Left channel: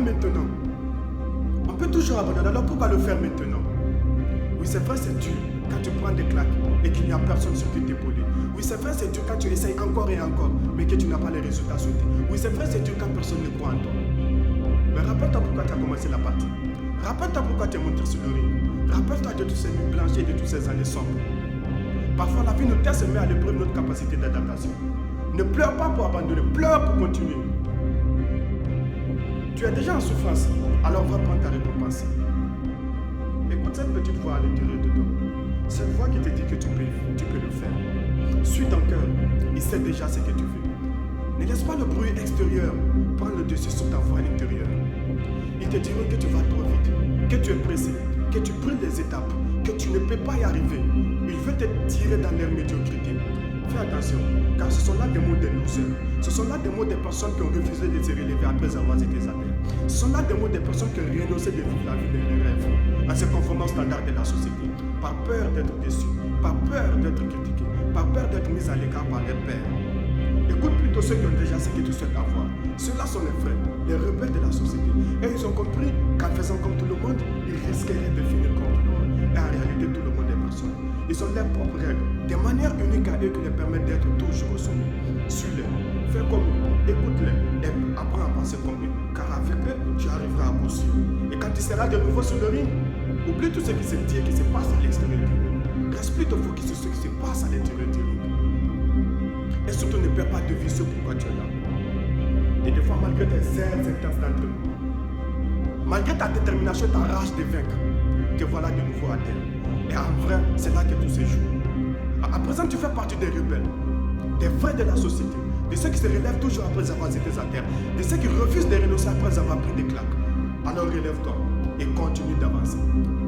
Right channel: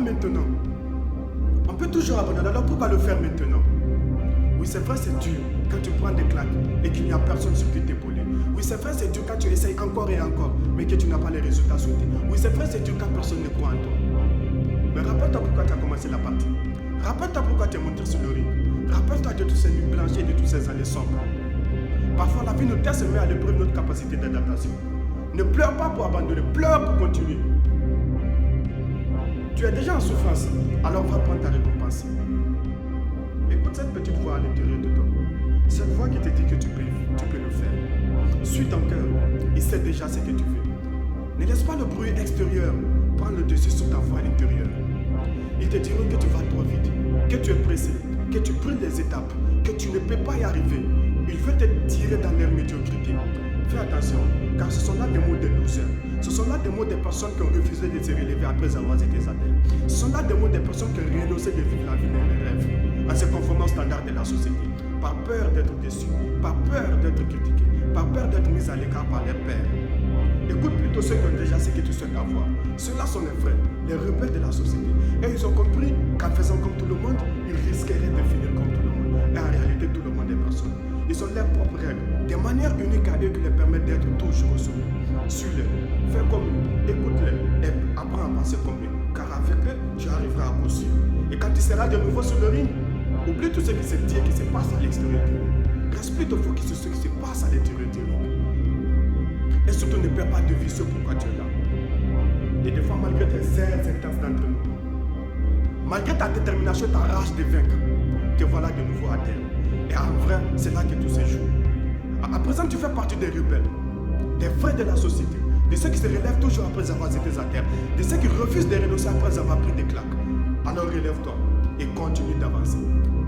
pas maintenant. On peut toujours abandonner, alors pourquoi le faire maintenant? Oui, c'est vrai, c'est dur quand tu prends des claques et qu'il n'y a personne sur qui t'épauler. Oui, c'est vrai, c'est dur quand tu essayes encore et encore, mais que tu n'as pas les résultats souhaités. Oui, c'est vrai, c'est dur quand personne ne croit en toi. Mais rappelle-toi pourquoi tu as commencé la partie. Rappelle-toi pourquoi tu es monté sur le ring. Rappelle-toi de tous ces nuits blanches et de toutes ces années sombres. Parfois, la vie nous teste et met à l'épreuve notre capacité d'adaptation. Ne pleure pas pour abandonner, pleure pour continuer. Tu es déjà en souffrance, alors va prendre ta récompense. Écoute cette petite voix à l'intérieur de toi. Cette voix qui te dit que tu peux le faire. Suis ton cœur, il sait déjà ce que tu veux. Ne laisse pas le bruit extérieur prendre le dessus sur ta voix intérieure. Ils te diront que tu vas trop vite, que tu es pressé, que tu brûles les étapes, que tu ne peux pas y arriver. Ils veulent te tirer dans leur médiocrité. Fais attention, car ce sont là des mots des losers. Ce sont là des mots des personnes qui ont refusé de se relever après avoir été à terre. Ce sont là des mots des personnes qui ont renoncé de vivre la vie de leurs rêves, en se conformant aux standards de la société, par peur d'être déçus, par peur d'être critiqués, par peur d'être mis à l'écart par leurs pairs. Écoute plutôt ceux qui ont déjà ce que tu souhaites avoir. Ceux-là sont les frères, les rebelles de la société. Et ils ont compris qu'en faisant comme tout le monde, ils risqueraient de finir comme tout le monde. Et en réalité, tout le monde est personne. Ils ont leurs propres règles, des manières uniques à eux qui leur permettent d'être toujours au sommet. Suis-les, fais comme eux, écoute-les et apprends à penser comme eux. Car avec eux, tu arriveras à coup sûr. Et quand tu seras de nouveau sur le ring, oublie tout ce qui se dit et qui se passe à l'extérieur du ring. Reste plutôt focus sur ce qui se passe à l'intérieur du ring. Et surtout, ne perds pas de vue sur pourquoi tu es là. Et des fois, malgré tes ailes intenses d'entraînement, malgré ta détermination et ta rage de vaincre, te voilà de nouveau à terre. Et en vrai, c'est là que tout se joue. À présent, tu fais partie des rebelles, des vrais de la société, de ceux qui se relèvent toujours après avoir été à terre, de ceux qui refusent de renoncer après avoir pris des claques. Alors relève-toi et continue d'avancer.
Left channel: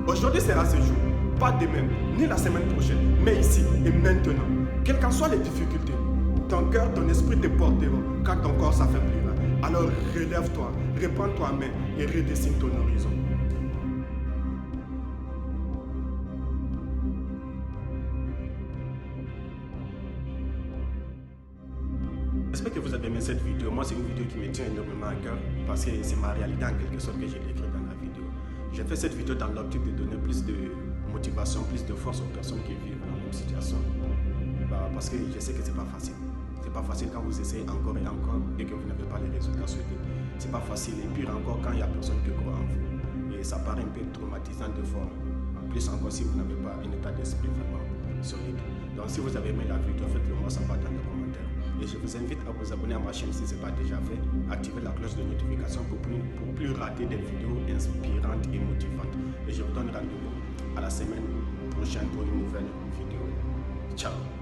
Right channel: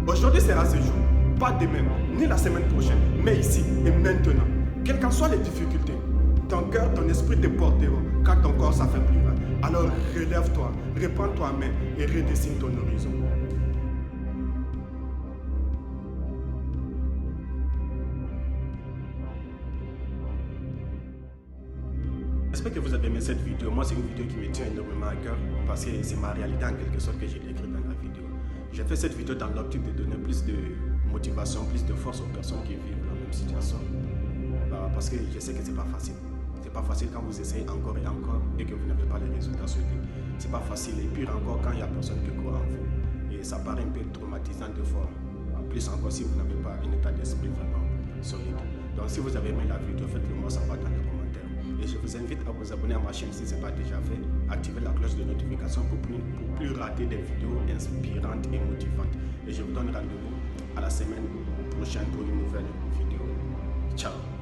Aujourd'hui sera ce jour, pas demain, ni la semaine prochaine, mais ici et maintenant. Quelles qu'en soient les difficultés, ton cœur, ton esprit te porteront quand ton corps s'affaiblira. Alors relève-toi, reprends toi main et redessine ton horizon. J'espère que vous avez aimé cette vidéo. Moi, c'est une vidéo qui me tient énormément à cœur parce que c'est ma réalité en quelque sorte que j'ai décrite dans la vidéo. J'ai fait cette vidéo dans l'optique de donner plus de motivation, plus de force aux personnes qui vivent la même situation. Parce que je sais que c'est pas facile. C'est pas facile quand vous essayez encore et encore et que vous n'avez pas les résultats souhaités. C'est pas facile et pire encore quand il n'y a personne qui croit en vous. Et ça paraît un peu traumatisant de fois. En plus encore si vous n'avez pas un état d'esprit vraiment solide. Donc si vous avez aimé la vidéo, faites-le moi savoir dans les commentaires. Et je vous invite à vous abonner à ma chaîne si ce n'est pas déjà fait. Activez la cloche de notification pour plus rater des vidéos inspirantes et motivantes. Et je vous donne rendez-vous à la semaine prochaine pour une nouvelle vidéo. Ciao.